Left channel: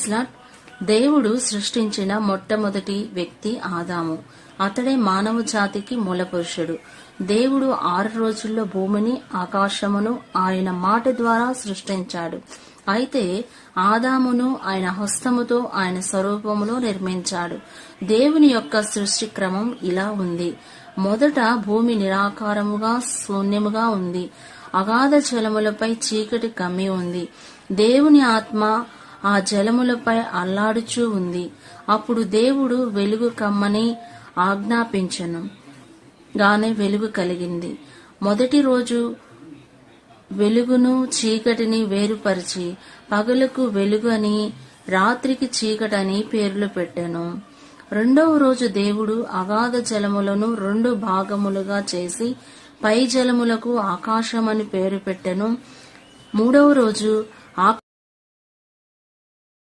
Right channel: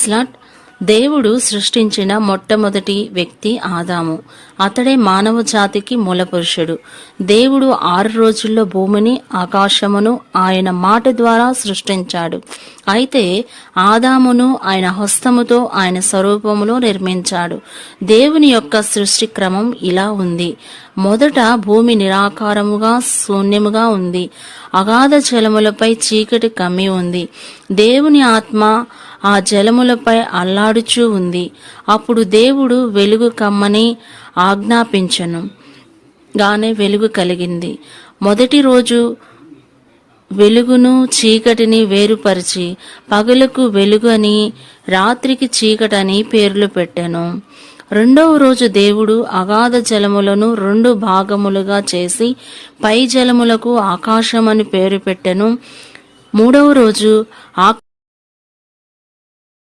ప్రైస్లాట్ దేవుడు సృష్టించిన మొట్టమొదటి వ్యక్తి ఆదాము. అతడే మానవ జాతికి మూలపురుషుడు. దేవుడు ఆరు రోజుల్లో భూమిని ఆకాశమును ఆయన మాట ద్వారా సృష్టించాడు. అయితే ఆదామును ఆయన హస్తముతో ఆయన స్వరూపములో నిర్మించాడు. దేవుని యొక్క సృష్టి క్రమం ఇలా ఉంది. మొదట భూమి నిరాకారముగా శూన్యముగా ఉంది. అగాధ జలములపై చీకటి కమ్మి ఉంది. దేవుని ఆత్మ ఆ జలములపై అల్లాడుచూ ఉంది. అప్పుడు దేవుడు వెలుగు కమ్మని ఆజ్ఞాపించను. గానే వెలుగు కలిగింది. మొదటి రోజు వెలుగును చీకటిని వేరుపరిచి పగలకు వెలుగు అని రాత్రికి చీకటని పేర్లు పెట్టాను. రెండవ రోజు దేవుడు అగాధ జలములను రెండు భాగములుగా చేసి పై జలములకు ఆకాశం అని పేరు పెట్టెను. మూడవ రోజు ఆ